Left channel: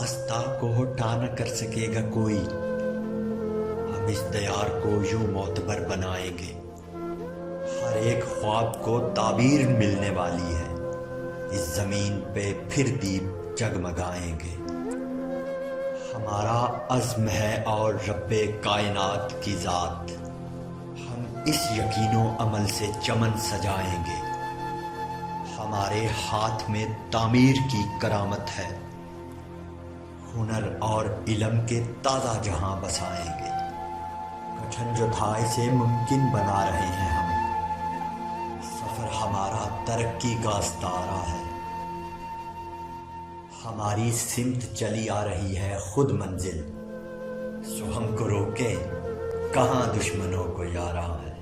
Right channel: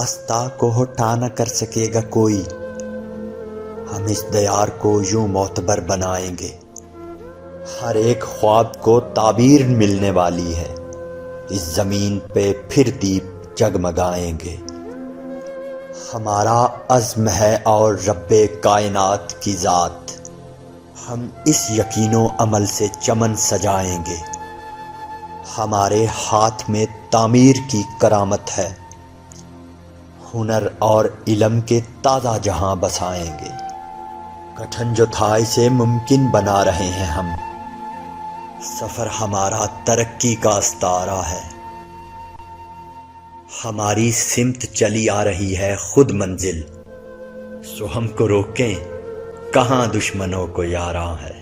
راستہ کو ہٹا نہ کر سکے گا کوئی، ہم اس دیار کو یوں معتبر بنائیں گے، ہر ایک خواب کو تعبیر ملنے والی ہے، اس زمین پہ پھر دیپ جگمگائیں گے۔ ہمارا عزم ہے اور رب کائنات کی ذات، ہم اس یقین و عمل سے چمن سجائیں گے، ہمارے ہاتھ میں تعمیر کی کرامت ہے، ہنر اور علم کے تازہ جہاں بسائیں گے، کٹھن جو تھا اسے ممکن بنا رہے ہیں ہم، سفر ہمارا ترقی کا استعارہ ہے، ہماری سمت چلی آ رہی ہے خود منزل، سو ہم کو روکیں کہاں دشمنوں کو یاراں ہے۔